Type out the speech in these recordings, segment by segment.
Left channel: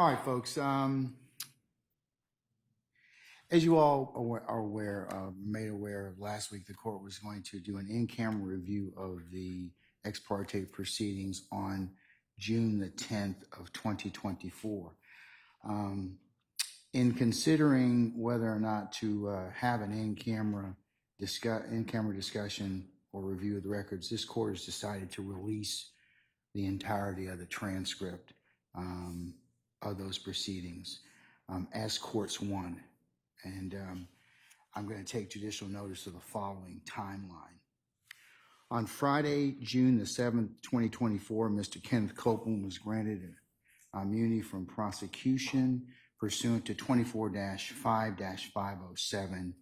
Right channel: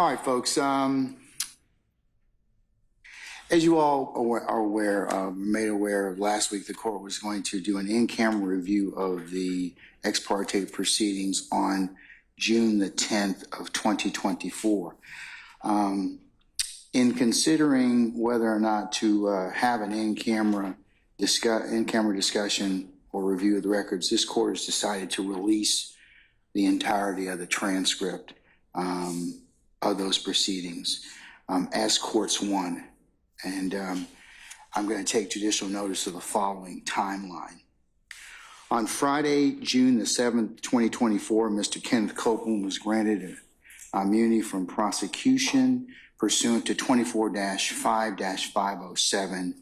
All right, folks. As you all are made aware of, last week the court was going to do an in-camera review of the ex parte proceedings on June the 10th of 2024. In considering whether or not to have an in-camera discussion or review of the records, this court has decided to release the entirety of the transcript of those proceedings as courts one. And I'm going to take judicial notice of the following timeline. On Friday, June the 7th, 2024, Mr. Kenneth Copeland was granted immunity from prosecution pursuant to 24-5-507A,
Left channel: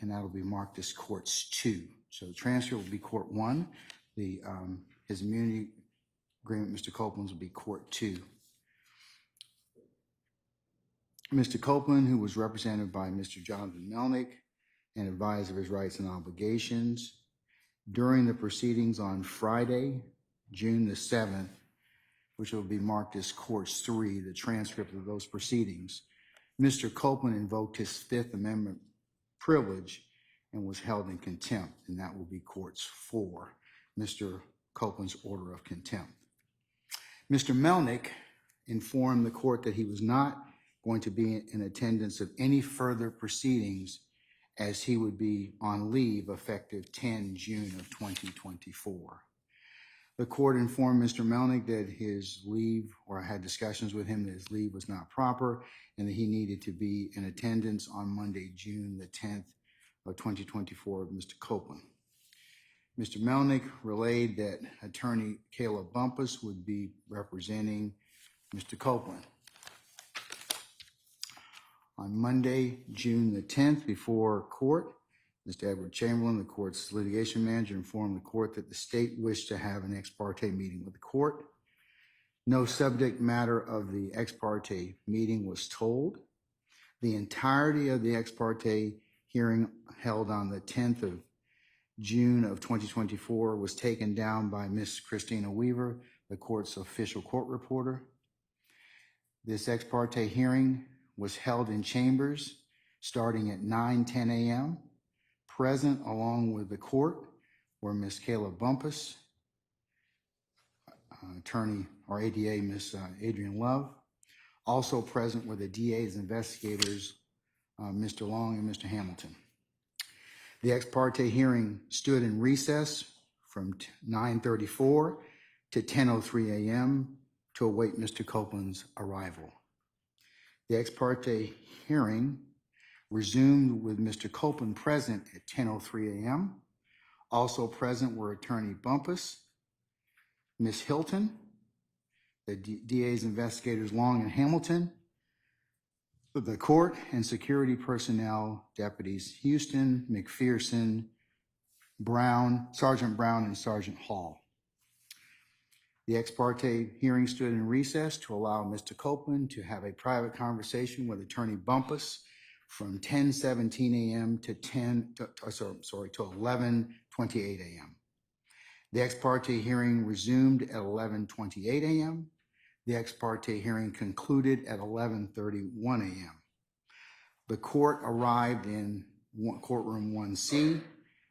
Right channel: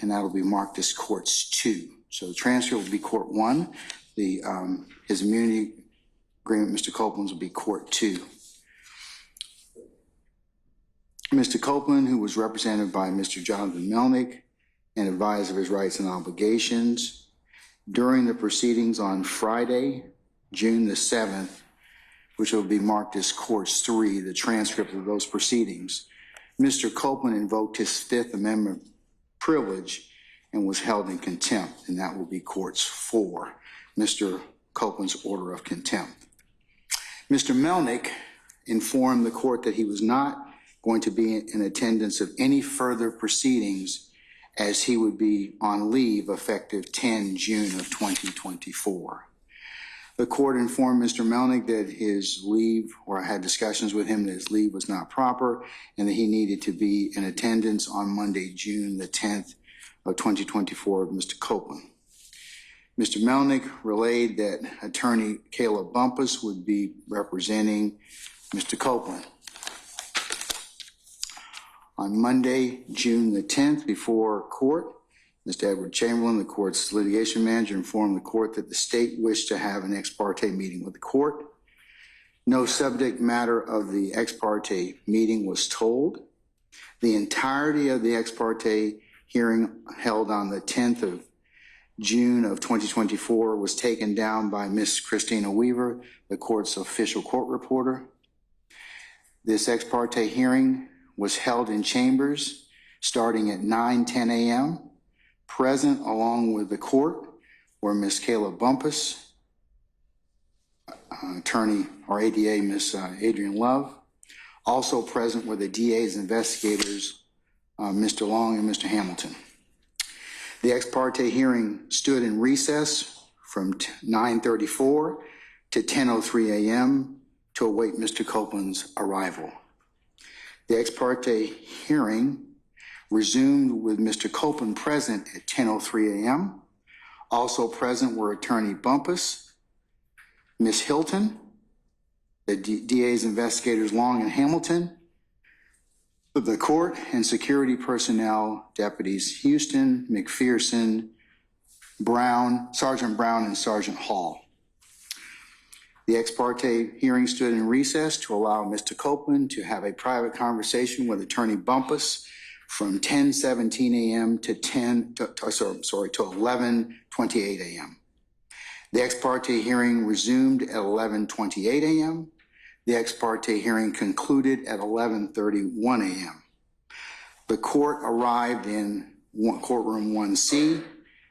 and that'll be marked as courts 2. So the transcript will be court 1. His immunity agreement, Mr. Copeland's, will be court 2. Mr. Copeland, who was represented by Mr. Jonathan Melnick and advised of his rights and obligations, during the proceedings on Friday, June the 7th, which will be marked as courts 3, the transcript of those proceedings, Mr. Copeland invoked his Fifth Amendment privilege and was held in contempt, and that will be courts 4, Mr. Copeland's order of contempt. Mr. Melnick informed the court that he was not going to be in attendance of any further proceedings as he would be on leave effective 10 June of 2024. The court informed Mr. Melnick that his leave, or had discussions with him that his leave was not proper and that he needed to be in attendance on Monday, June the 10th of 2024 with Mr. Copeland. Mr. Melnick relayed that attorney Caleb Bumpus would be representing Mr. Copeland. On Monday, June the 10th, before court, Mr. Edward Chamberlain, the court's litigation manager, informed the court that the state wished to have an ex parte meeting with the court. No subject matter of the ex parte meeting was told. The entirety of the ex parte hearing held on the 10th of June of 2024 was taken down by Ms. Christina Weaver, the court's official court reporter. This ex parte hearing was held in chambers starting at 9:10 a.m. Present along with the court were Ms. Caleb Bumpus, attorney or ADA Ms. Adrian Love. Also present were the DA's investigators, Mr. Long and Mr. Hamilton. The ex parte hearing stood in recess from 9:34 to 10:03 a.m. to await Mr. Copeland's arrival. The ex parte hearing resumed with Mr. Copeland present at 10:03 a.m. Also present were attorney Bumpus, Ms. Hilton, the DA's investigators Long and Hamilton, the court and security personnel, deputies Houston, McPherson, Brown, Sergeant Brown, and Sergeant Hall. The ex parte hearing stood in recess to allow Mr. Copeland to have a private conversation with attorney Bumpus from 10:17 a.m. to 11:28 a.m. The ex parte hearing resumed at 11:28 a.m. The ex parte hearing concluded at 11:31 a.m. The court arrived in courtroom 1C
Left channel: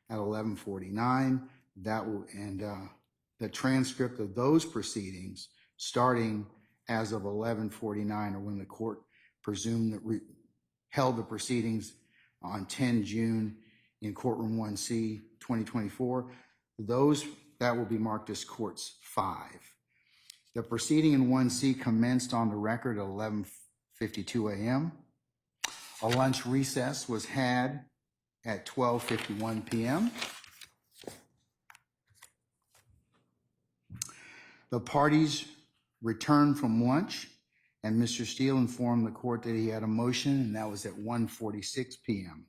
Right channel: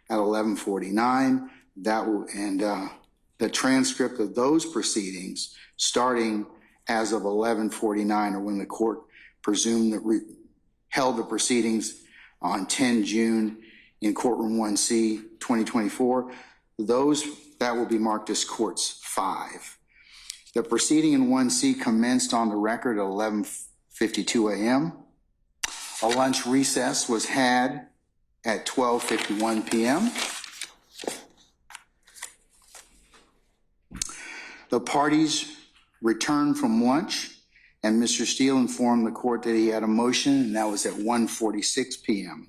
at 11:49. The transcript of those proceedings, starting as of 11:49, or when the court presumed that held the proceedings on 10 June in courtroom 1C 2024, that will be marked as courts 5. The proceeding in 1C commenced on the record at 11:52 a.m. A lunch recess was had at 12:51 p.m. The parties returned from lunch, and Mr. Steele informed the court that he had a motion, and that was at 1:46 p.m.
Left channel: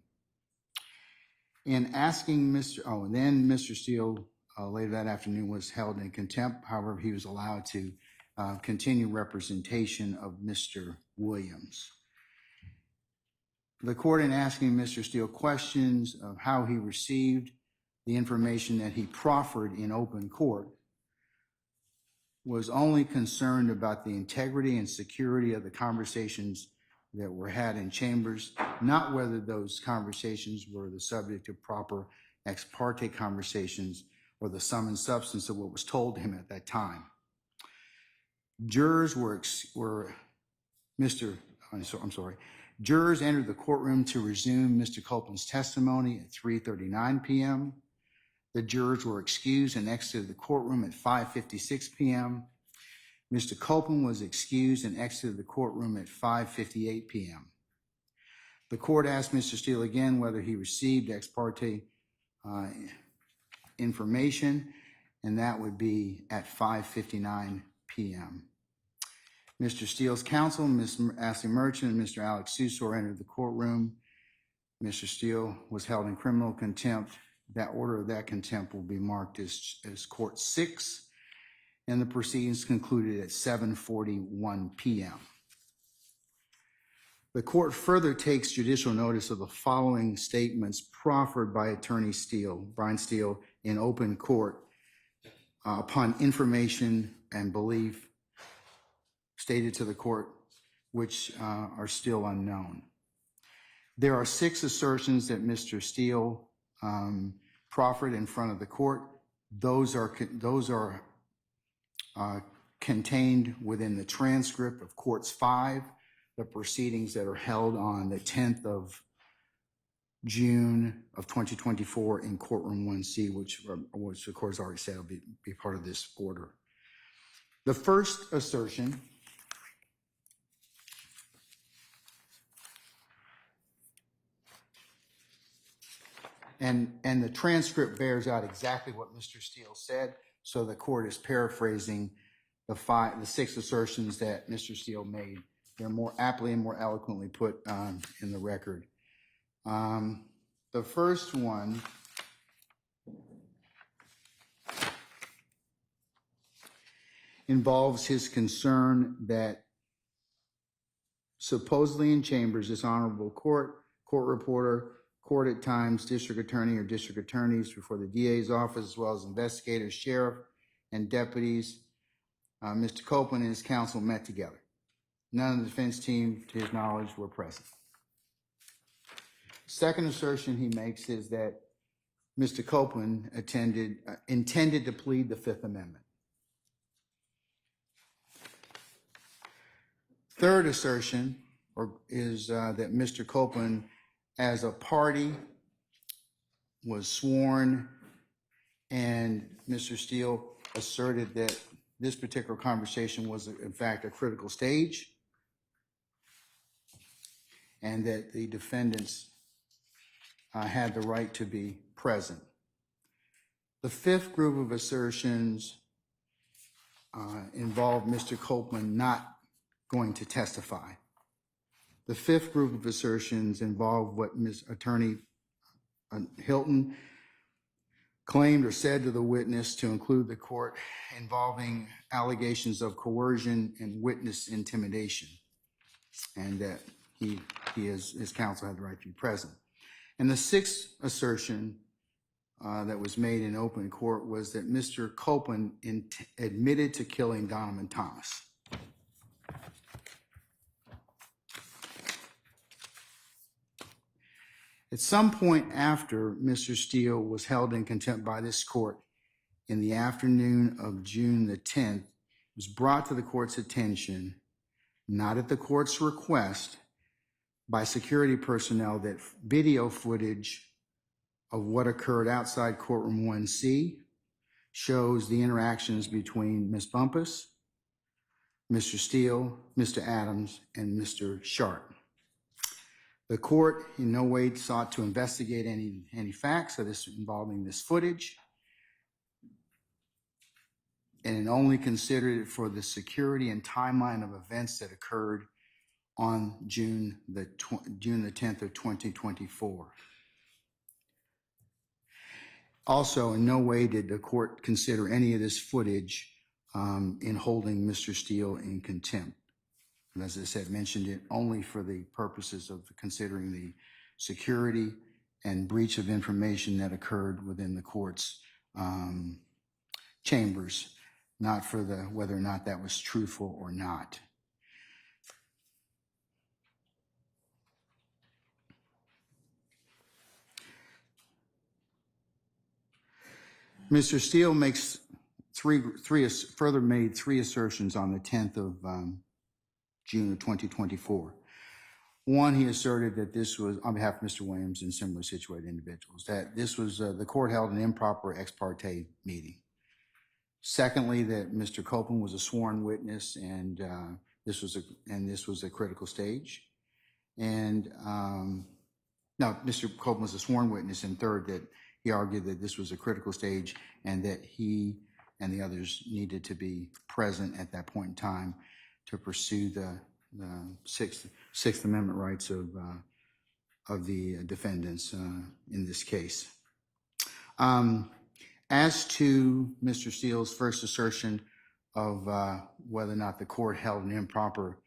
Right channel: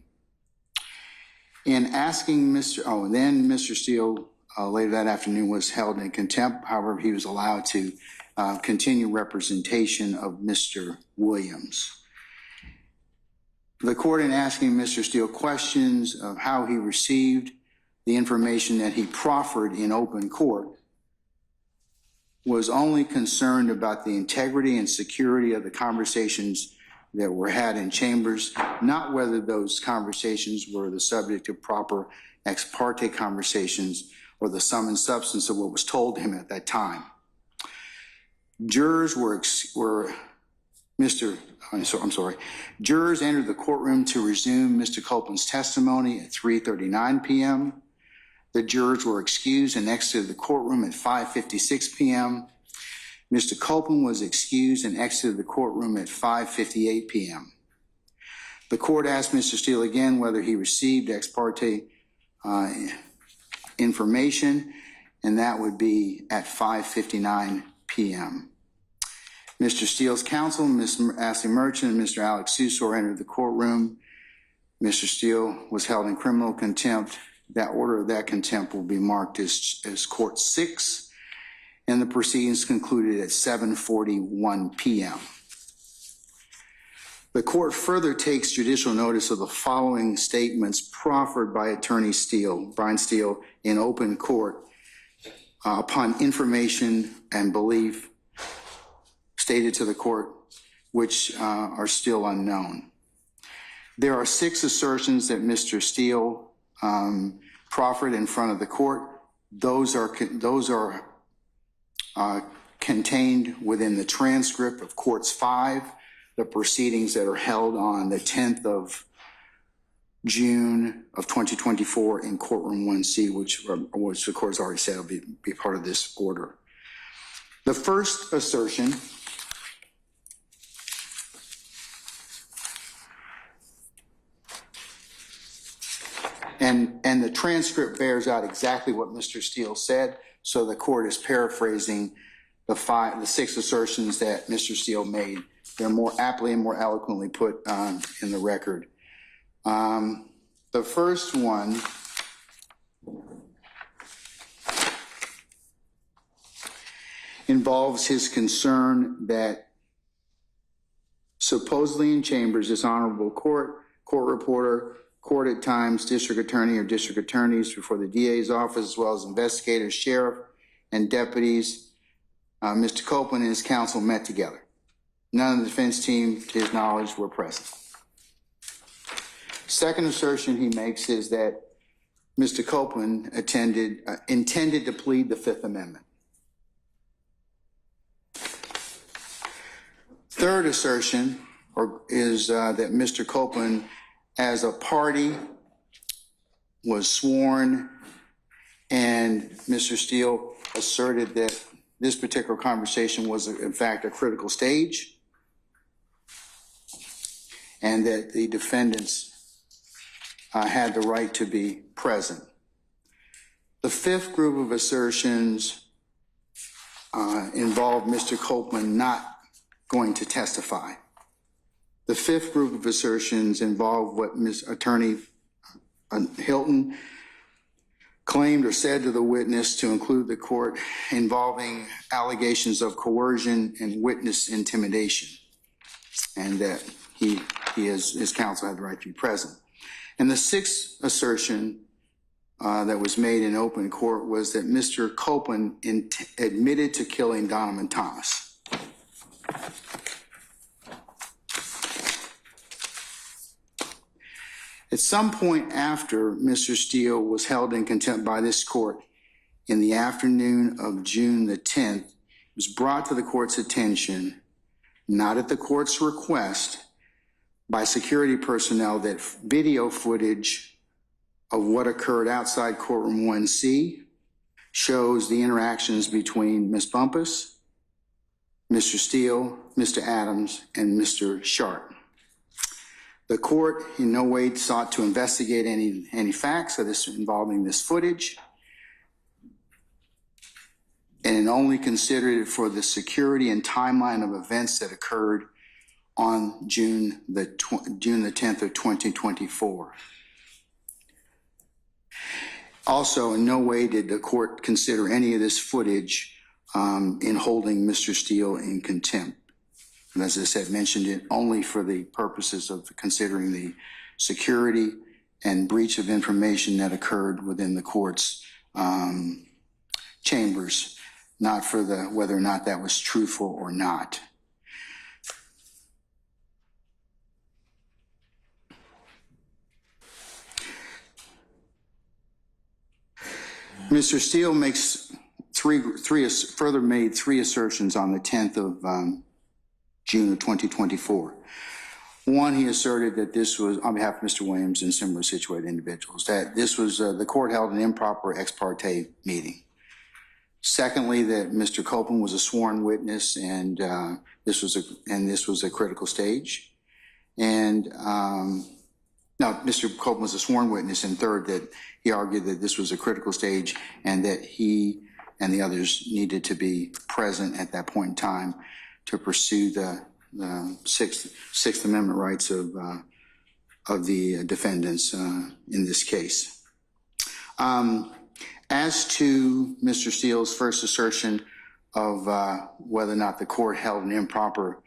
In asking then Mr. Steele later that afternoon was held in contempt. However, he was allowed to continue representation of Mr. Williams. The court, in asking Mr. Steele questions of how he received the information that he proffered in open court, was only concerned about the integrity and security of the conversations that were had in chambers, not whether those conversations were the subject of proper ex parte conversations or the sum and substance of what was told him at that time. Jurors Jurors entered the courtroom to resume Mr. Copeland's testimony at 3:39 p.m. The jurors were excused and exited the courtroom at 5:56 p.m. Mr. Copeland was excused and exited the courtroom at 5:58 p.m. The court asked Mr. Steele again whether he received ex parte information, and that would be at 5:59 p.m. Mr. Steele's counsel, Ms. Ashley Merchant and Mr. Alex Susor entered the courtroom. Mr. Steele was held in criminal contempt. That order of that contempt will be marked as Court 6, and the proceedings concluded at 7:41 p.m. The court further takes judicial notice of the following statements proffered by Attorney Steele, Brian Steele, in open court upon information and belief stated to the court, which are still unknown. There are 6 assertions that Mr. Steele proffered in front of the court. Those are contained within the transcript of Courts 5, the proceedings that are held on the 10th of June of 2024 in Courtroom 1C, which the court has already said will be part of this order. The first assertion and the transcript bears out exactly what Mr. Steele said, so the court is paraphrasing the 6 assertions that Mr. Steele made. They're more aptly and more eloquently put in the record. The first one involves his concern that supposedly in chambers, this honorable court reporter, court at times, district attorney or district attorneys before the DA's office, as well as investigators, sheriff, and deputies, Mr. Copeland and his counsel met together. None of the defense team, to his knowledge, were present. Second assertion he makes is that Mr. Copeland intended to plead the Fifth Amendment. Third assertion is that Mr. Copeland, as a party, was sworn, and Mr. Steele asserted that this particular conversation was, in fact, a critical stage, and that the defendants had the right to be present. The fifth group of assertions involved Mr. Copeland not going to testify. The fifth group of assertions involved what Attorney Hilton claimed or said to the witness, to include the court, involving allegations of coercion and witness intimidation, and that his counsel had the right to be present. And the sixth assertion that was made in open court was that Mr. Copeland admitted to killing Donovan Thomas. At some point after Mr. Steele was held in contempt by this court in the afternoon of June the 10th, it was brought to the court's attention, not at the court's request, by security personnel that video footage of what occurred outside courtroom 1C shows the interactions between Ms. Bumpus, Mr. Steele, Mr. Adams, and Mr. Sharp. The court in no way sought to investigate any facts of this involving this footage, and it only considered it for the security and timeline of events that occurred on June the 10th of 2024. Also, in no way did the court consider any of this footage in holding Mr. Steele in contempt. And as I said, mentioned it only for the purposes of considering the security and breach of information that occurred within the court's chambers not for the whether or not that was truthful or not. Mr. Steele makes further made three assertions on the 10th of June of 2024. One, he asserted that this was, on behalf of Mr. Williams and similar situated individuals, that this was, the court held an improper ex parte meeting. Secondly, that Mr. Copeland was a sworn witness and this was a critical stage. And no, Mr. Copeland was a sworn witness. And third, that he argued that this was a critical stage and that he and the others needed to be present at that point in time to pursue the Sixth Amendment rights of the defendants in this case. As to Mr. Steele's first assertion of whether or not the court held an improper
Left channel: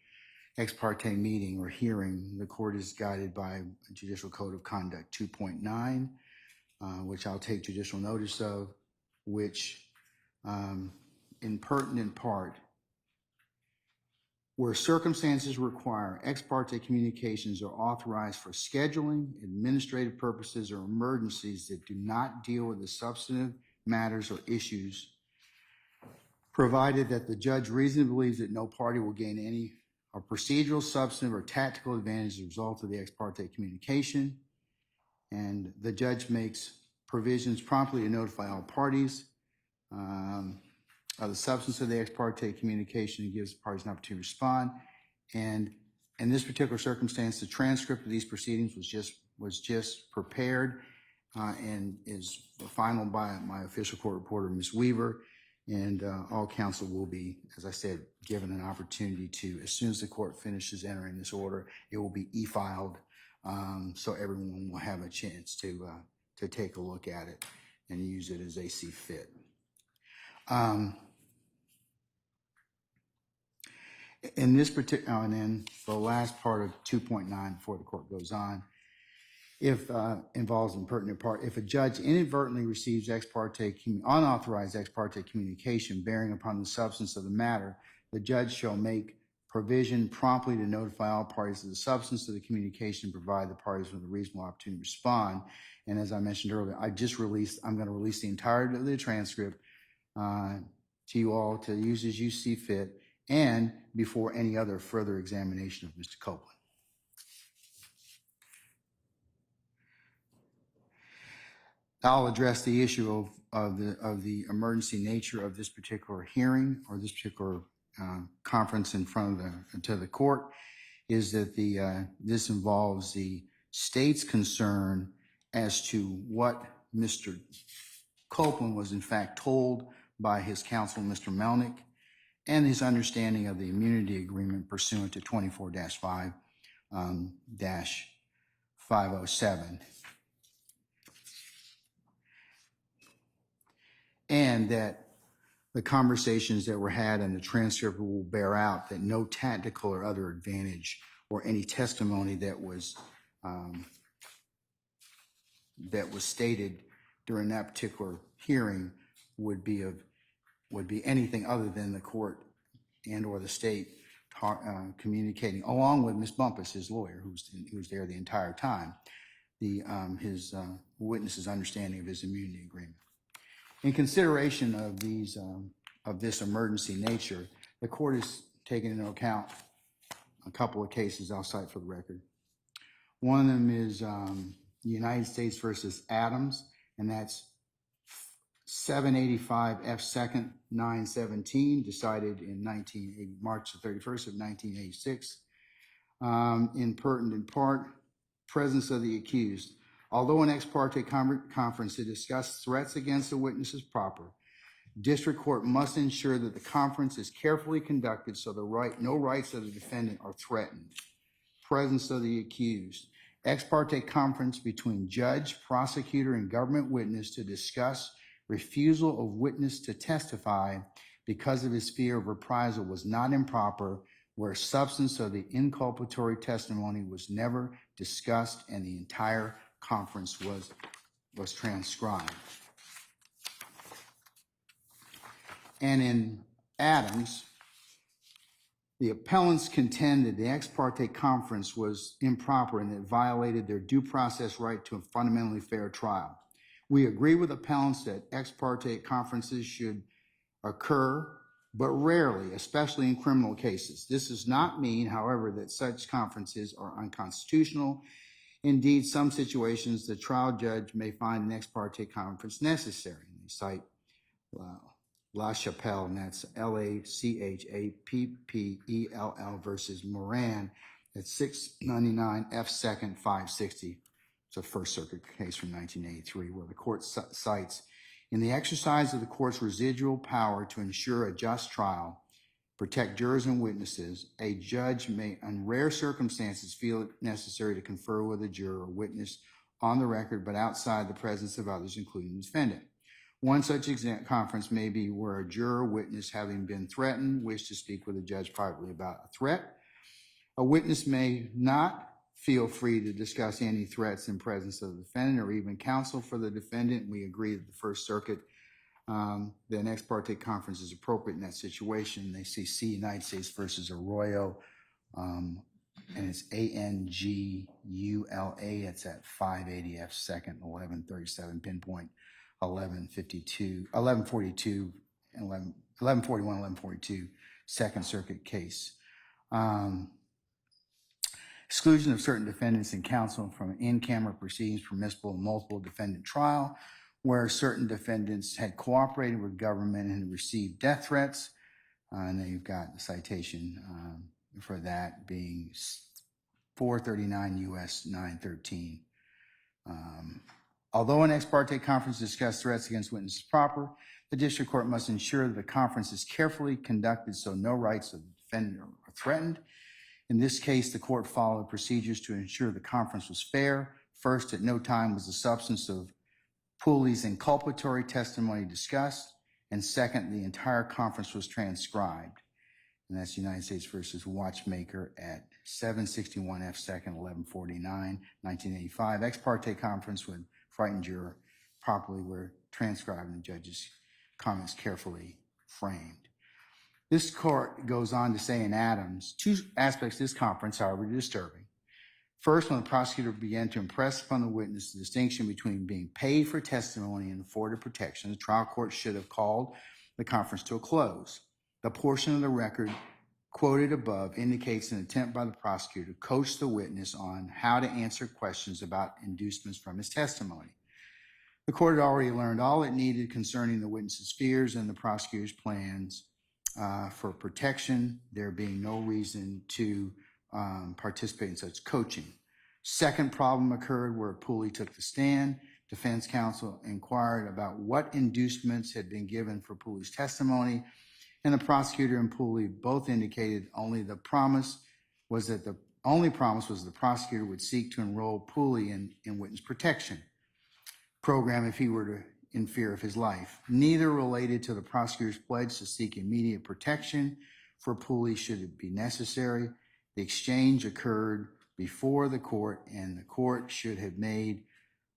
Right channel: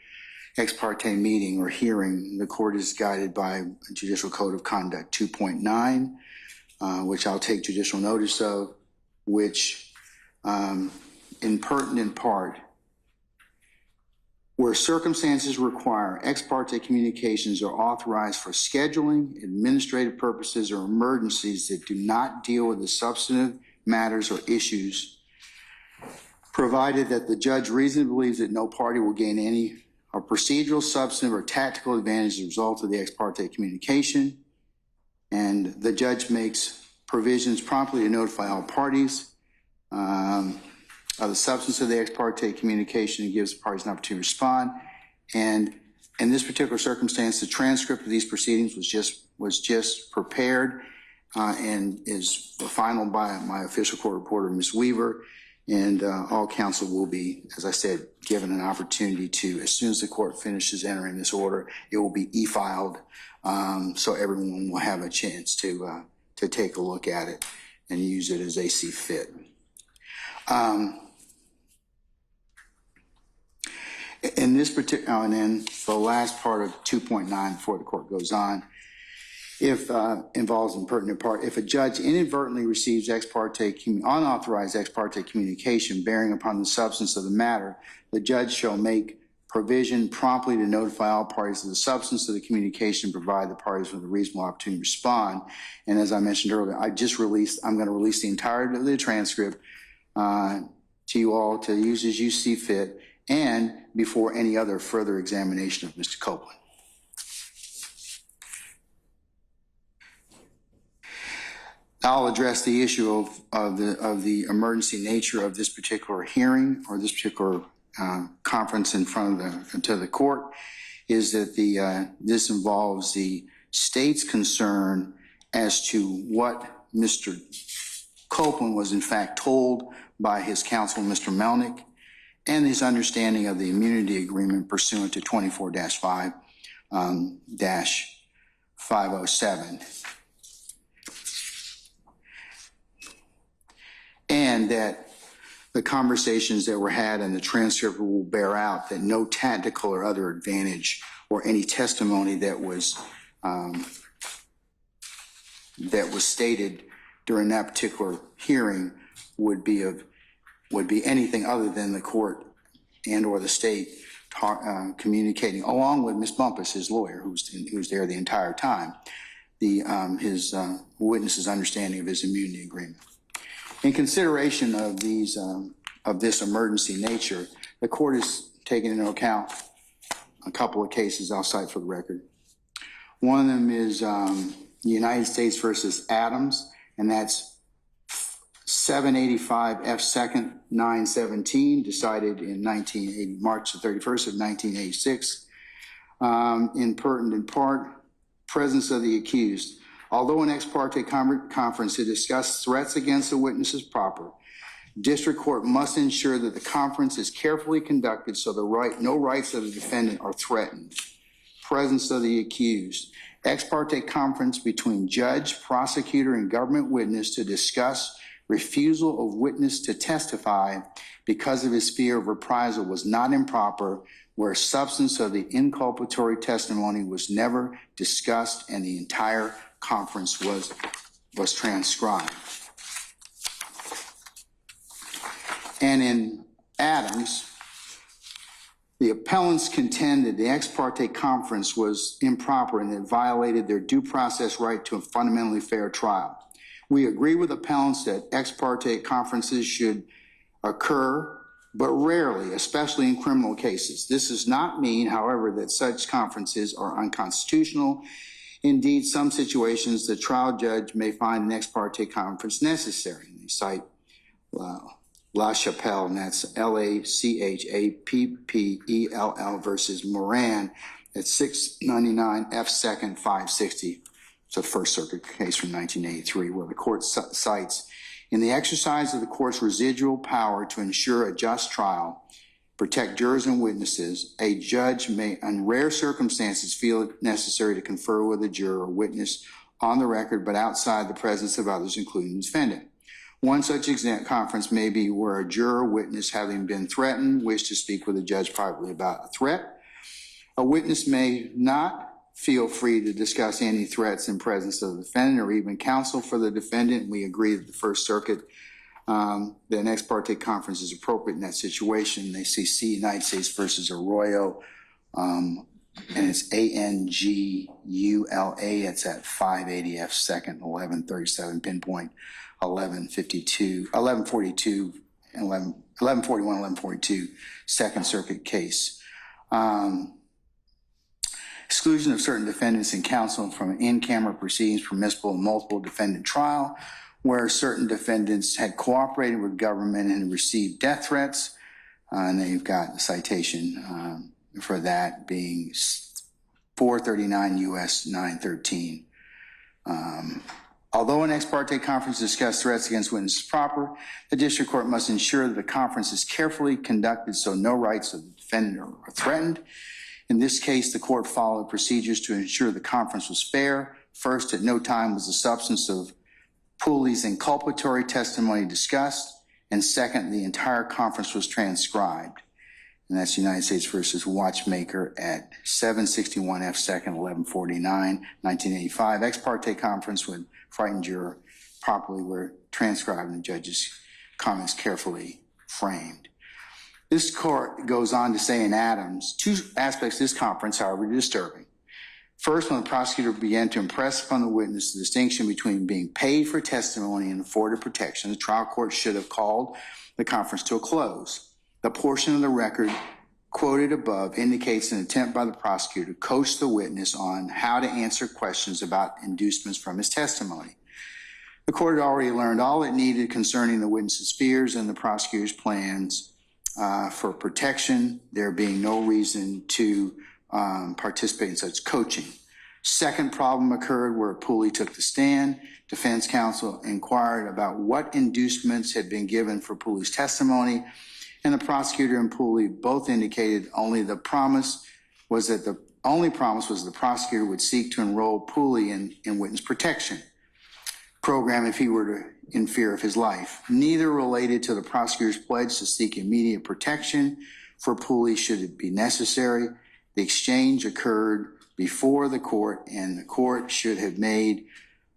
ex parte meeting or hearing, the court is guided by Judicial Code of Conduct 2.9, which I'll take judicial notice of, which in pertinent part, where circumstances require ex parte communications are authorized for scheduling, administrative purposes, or emergencies that do not deal with the substantive matters or issues, provided that the judge reasonably believes that no party will gain any procedural, substantive, or tactical advantage as a result of the ex parte communication, and the judge makes provisions promptly to notify all parties of the substance of the ex parte communication and gives the parties an opportunity to respond. And in this particular circumstance, the transcript of these proceedings was just prepared and is final by my official court reporter, Ms. Weaver. And all counsel will be, as I said, given an opportunity to, as soon as the court finishes entering this order, it will be e-filed, so everyone will have a chance to take a look at it and use it as they see fit. In this particular, and then the last part of 2.9 before the court goes on, if involves in pertinent part, if a judge inadvertently receives unauthorized ex parte communication bearing upon the substance of the matter, the judge shall make provision promptly to notify all parties of the substance of the communication, provide the parties with a reasonable opportunity to respond. And as I mentioned earlier, I'm going to release the entirety of the transcript to you all to use as you see fit, and before any other further examination of Mr. Copeland. I'll address the issue of the emergency nature of this particular hearing or this particular conference in front of the court. Is that this involves the state's concern as to what Mr. Copeland was in fact told by his counsel, Mr. Melnick, and his understanding of the immunity agreement pursuant to 24-5-507. And that the conversations that were had in the transcript will bear out that no tactical or other advantage or any testimony that was stated during that particular hearing would be anything other than the court and or the state communicating, along with Ms. Bumpus, his lawyer, who was there the entire time, his witness's understanding of his immunity agreement. In consideration of this emergency nature, the court has taken into account a couple of cases I'll cite for the record. One of them is United States versus Adams, and that's 785 F. 2nd 917, decided in March the 31st of 1986. In pertinent part, presence of the accused. Although an ex parte conference to discuss threats against the witness is proper, district court must ensure that the conference is carefully conducted so no rights of the defendant are threatened. Presence of the accused. Ex parte conference between judge, prosecutor, and government witness to discuss refusal of witness to testify because of his fear of reprisal was not improper, where substance of the inculpatory testimony was never discussed and the entire conference was transcribed. And in Adams, the appellants contended the ex parte conference was improper and it violated their due process right to a fundamentally fair trial. We agree with appellants that ex parte conferences should occur, but rarely, especially in criminal cases. This does not mean, however, that such conferences are unconstitutional. Indeed, some situations the trial judge may find an ex parte conference necessary. They cite La Chapelle, and that's LACHAPPELL versus Moran at 699 F. 2nd 560. It's a First Circuit case from 1983 where the court cites, in the exercise of the court's residual power to ensure a just trial, protect jurors and witnesses, a judge may, in rare circumstances, feel it necessary to confer with a juror or witness on the record, but outside the presence of others, including the defendant. One such conference may be where a juror or witness, having been threatened, wish to speak with a judge privately about a threat. A witness may not feel free to discuss any threats in presence of the defendant or even counsel for the defendant. We agree that the First Circuit, that an ex parte conference is appropriate in that situation. They see United States versus Arroyo, and it's ANGULA. It's at 580 F. 2nd 1137, pinpoint 1142, 1142, Second Circuit case. Exclusion of certain defendants and counsel from in-camera proceedings permissible in multiple defendant trial, where certain defendants had cooperated with government and received death threats. And then you've got the citation for that being 439 U.S. 913. Although an ex parte conference discussed threats against witnesses proper, the district court must ensure that the conference is carefully conducted so no rights of the defendant are threatened. In this case, the court followed procedures to ensure the conference was fair. First, at no time was the substance of Pooley's inculpatory testimony discussed. And second, the entire conference was transcribed. And that's United States versus Watchmaker at 761 F. 2nd 1149, 1985. Ex parte conference with frightened juror properly were transcribed and the judge's comments carefully framed. This court goes on to say in Adams, two aspects of this conference, however, are disturbing. First, when the prosecutor began to impress upon the witness the distinction between being paid for testimony and afforded protection, the trial court should have called the conference to a close. The portion of the record quoted above indicates an attempt by the prosecutor to coach the witness on how to answer questions about inducements from his testimony. The court had already learned all it needed concerning the witness's fears and the prosecutor's plans for protection, there being no reason to participate in such coaching. Second problem occurred where Pooley took the stand. Defense counsel inquired about what inducements had been given for Pooley's testimony, and the prosecutor and Pooley both indicated the promise was the prosecutor would seek to enroll Pooley in witness protection program if he were in fear of his life. Neither related to the prosecutor's pledge to seek immediate protection for Pooley should it be necessary. The exchange occurred before the court, and the court should have made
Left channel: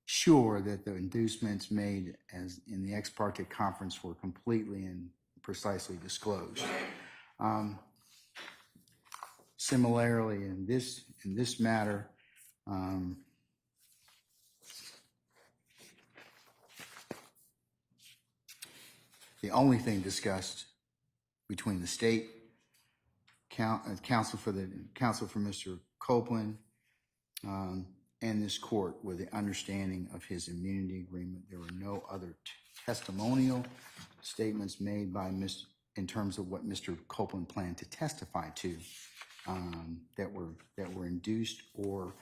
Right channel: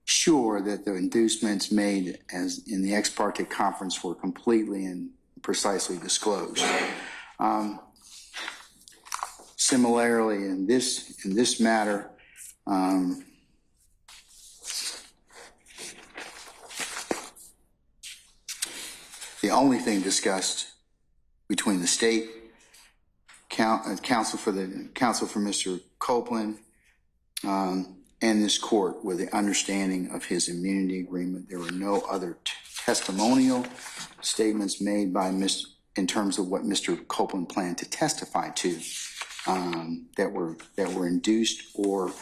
sure that the inducements made as in the ex parte conference were completely and precisely disclosed. Similarly, in this matter, the only thing discussed between the state counsel for Mr. Copeland and this court were the understanding of his immunity agreement. There were no other testimonial statements made by in terms of what Mr. Copeland planned to testify to that were induced or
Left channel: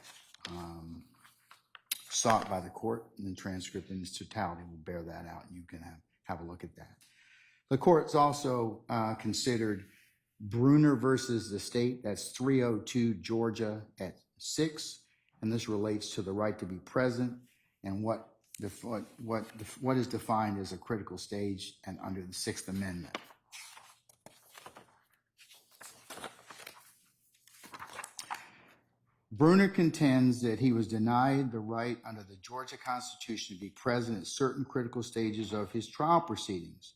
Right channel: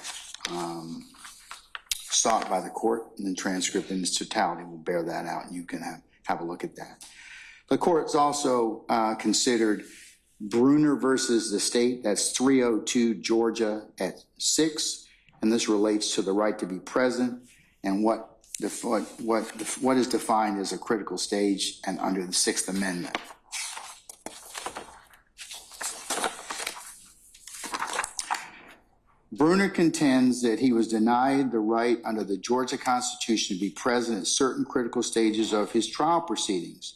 sought by the court. And the transcript in its totality will bear that out, and you can have a look at that. The court's also considered Bruner versus the state. That's 302 Georgia at 6, and this relates to the right to be present and what is defined as a critical stage and under the Sixth Amendment. Bruner contends that he was denied the right under the Georgia Constitution to be present at certain critical stages of his trial proceedings.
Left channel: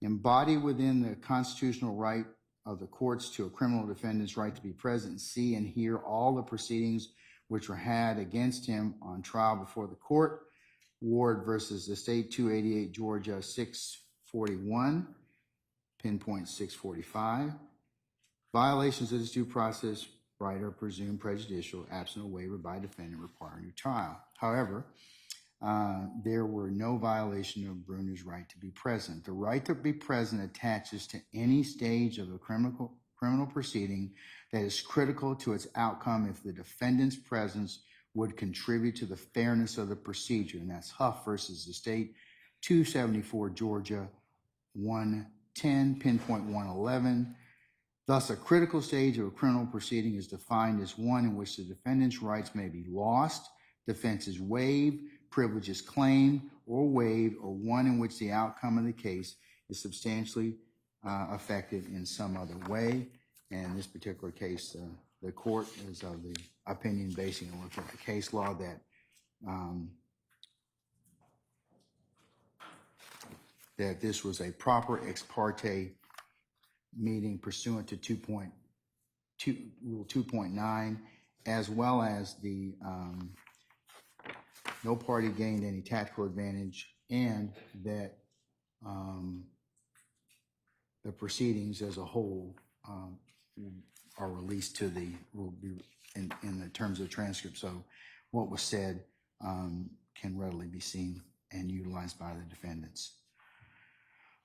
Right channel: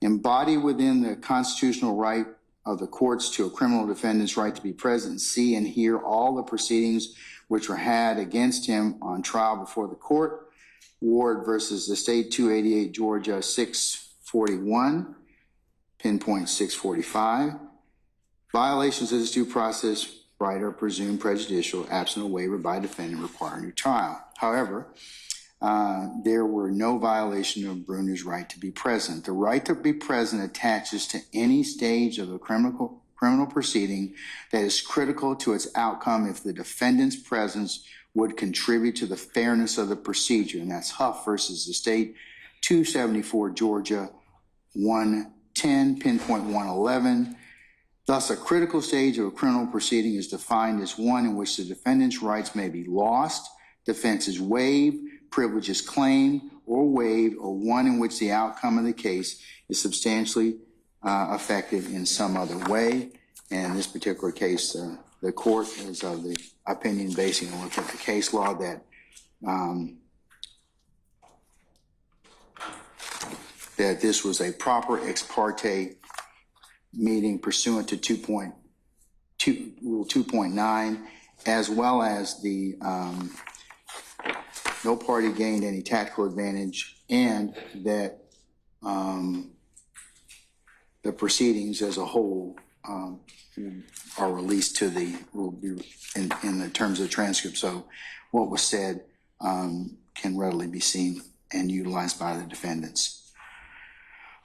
embodied within the constitutional right of the courts to a criminal defendant's right to be present, see, and hear all the proceedings which were had against him on trial before the court. Ward versus the state, 288 Georgia 641, pinpoint 645. Violations of this due process right are presumed prejudicial, absent a waiver by defendant requiring new trial. However, there were no violation of Bruner's right to be present. The right to be present attaches to any stage of a criminal proceeding that is critical to its outcome if the defendant's presence would contribute to the fairness of the procedure. And that's Huff versus the state, 274 Georgia 110, pinpoint 111. Thus, a critical stage of a criminal proceeding is defined as one in which the defendant's rights may be lost, defenses waived, privileges claimed or waived, or one in which the outcome of the case is substantially affected in some other way. And in this particular case, the court is of the opinion, basing on looking at the case law, that that this was a proper ex parte meeting pursuant to Rule 2.9, as well as the no party gained any tactical advantage, and that the proceedings as a whole are released to the, will be in the terms of the transcript. So what was said can readily be seen and utilized by the defendants.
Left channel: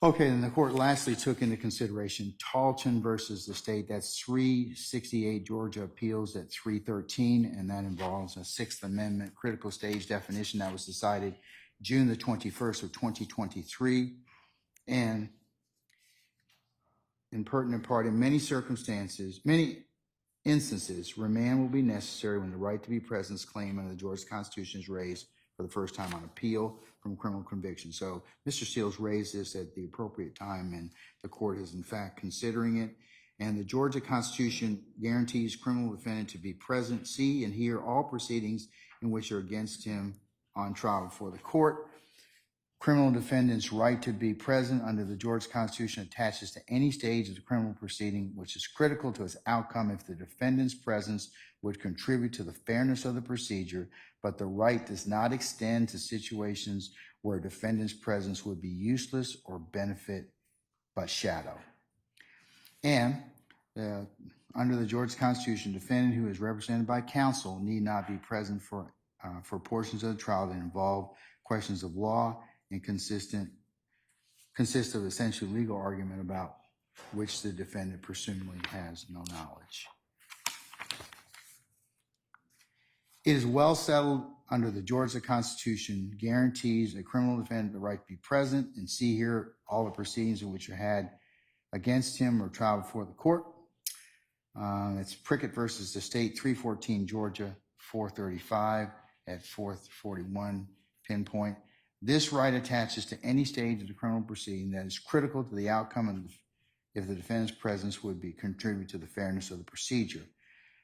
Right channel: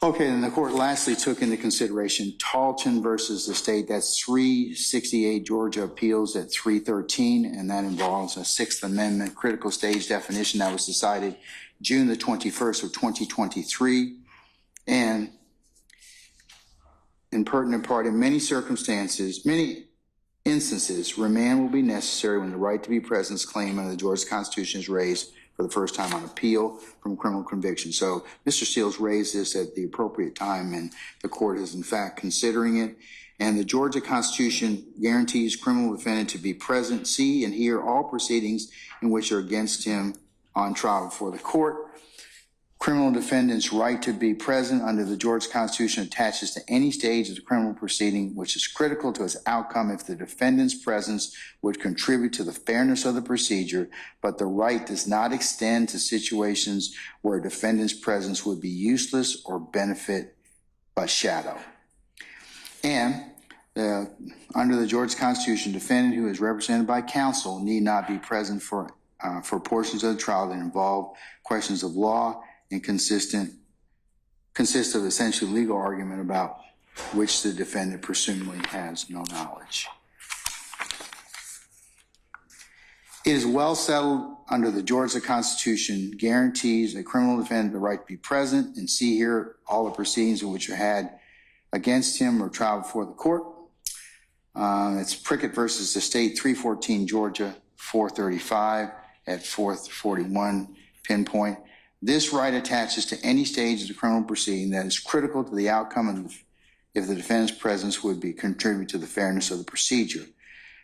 Okay, and the court lastly took into consideration Talton versus the state. That's 368 Georgia Appeals at 313, and that involves a Sixth Amendment critical stage definition that was decided June the 21st of 2023. And in pertinent part, in many circumstances, many instances, remand will be necessary when the right to be present claim under the Georgia Constitution is raised for the first time on appeal from criminal conviction. So Mr. Steele's raised this at the appropriate time, and the court is in fact considering it. And the Georgia Constitution guarantees criminal defendant to be present, see, and hear all proceedings in which are against him on trial before the court. Criminal defendant's right to be present under the Georgia Constitution attaches to any stage of the criminal proceeding which is critical to its outcome if the defendant's presence would contribute to the fairness of the procedure, but the right does not extend to situations where a defendant's presence would be useless or benefit but shadow. And under the Georgia Constitution, defendant who is represented by counsel need not be present for portions of the trial that involve questions of law and consist of essentially legal argument about which the defendant presumably has no knowledge. It is well settled under the Georgia Constitution guarantees a criminal defendant the right to be present and see, hear all the proceedings in which are had against him or trial before the court. It's Prickett versus the state, 314 Georgia 435 at 441 pinpoint. This right attaches to any stage of the criminal proceeding that is critical to the outcome of if the defendant's presence would be contribute to the fairness of the procedure.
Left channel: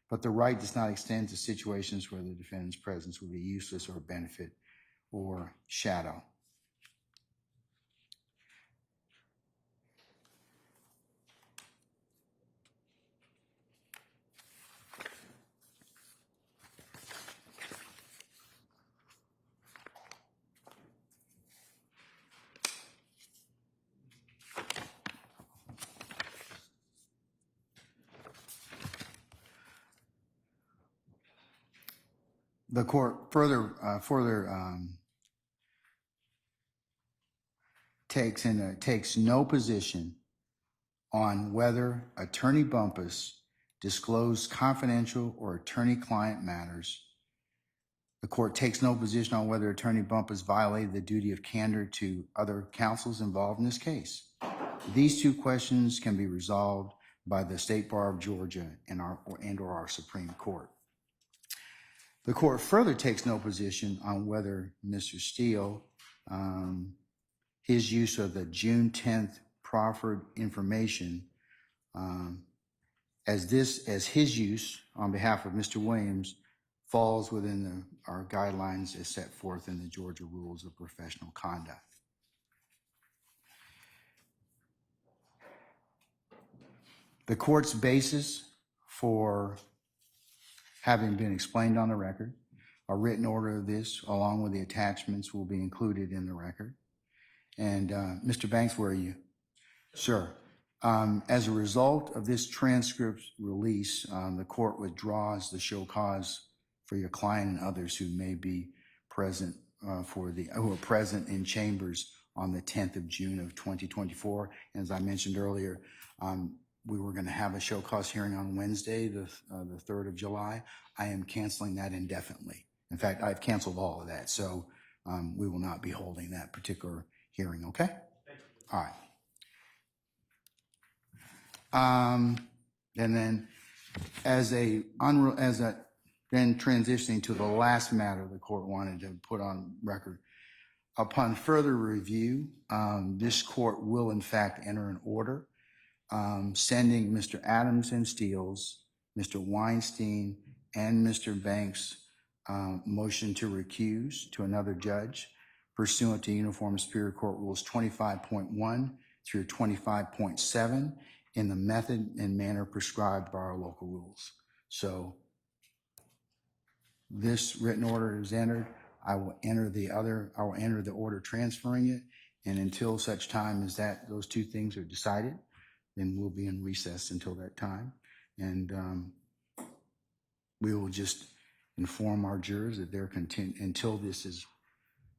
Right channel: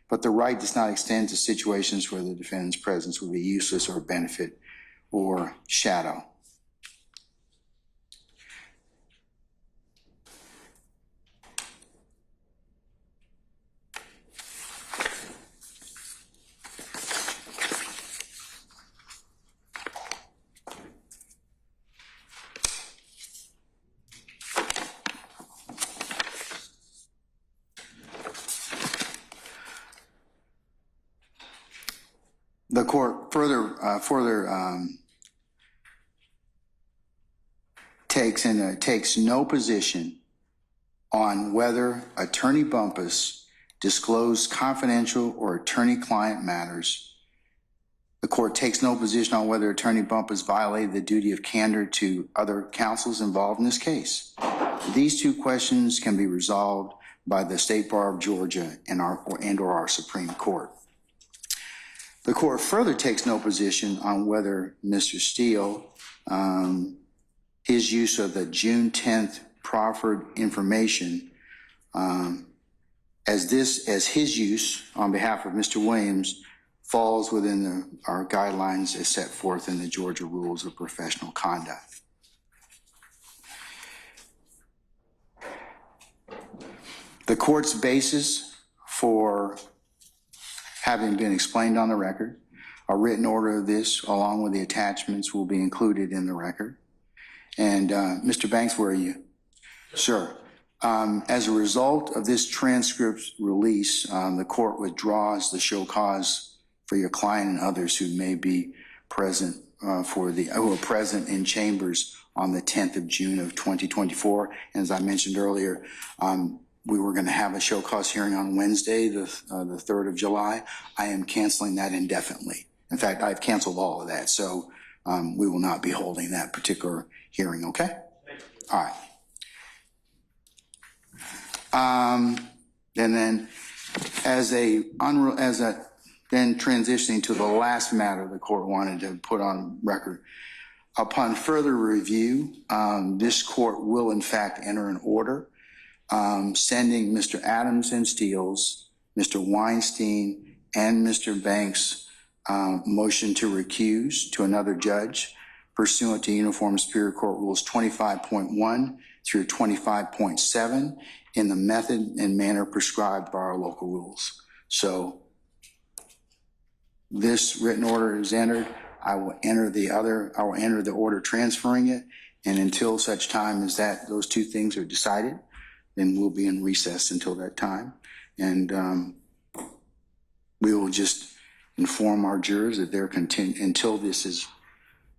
But the right does not extend to situations where the defendant's presence would be useless or benefit or shadow. The court further takes no position on whether Attorney Bumpus disclosed confidential or attorney-client matters. The court takes no position on whether Attorney Bumpus violated the duty of candor to other counsels involved in this case. These two questions can be resolved by the State Bar of Georgia and or our Supreme Court. The court further takes no position on whether Mr. Steele, his use of the June 10th proffered information, as his use on behalf of Mr. Williams falls within our guidelines as set forth in the Georgia Rules of Professional Conduct. The court's basis for having been explained on the record, a written order of this, along with the attachments, will be included in the record. And Mr. Banks, where are you? Sir, as a result of this transcript release, the court withdraws the show cause for your client and others who may be present who are present in chambers on the 10th of June of 2024. And as I mentioned earlier, we were going to have a show cause hearing on Wednesday, the 3rd of July. I am canceling that indefinitely. In fact, I've canceled all of that, so we will not be holding that particular hearing, okay? All right. And then then transitioning to the last matter the court wanted to put on record. Upon further review, this court will in fact enter an order sending Mr. Adams and Steele's, Mr. Weinstein, and Mr. Banks' motion to recuse to another judge pursuant to Uniform Superior Court Rules 25.1 through 25.7 in the method and manner prescribed by our local rules. So this written order is entered. I will enter the order transferring it, and until such time as those two things are decided, then we'll be in recess until that time. And we will just inform our jurors that they're until this is,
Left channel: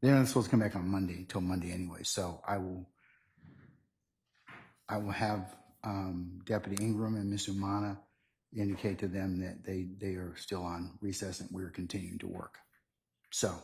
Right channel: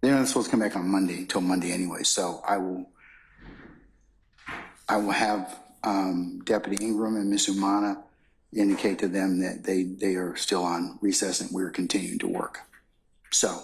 they're not supposed to come back on Monday until Monday anyway. So I will have Deputy Ingram and Ms. Umana indicate to them that they are still on recess and we're continuing to work. So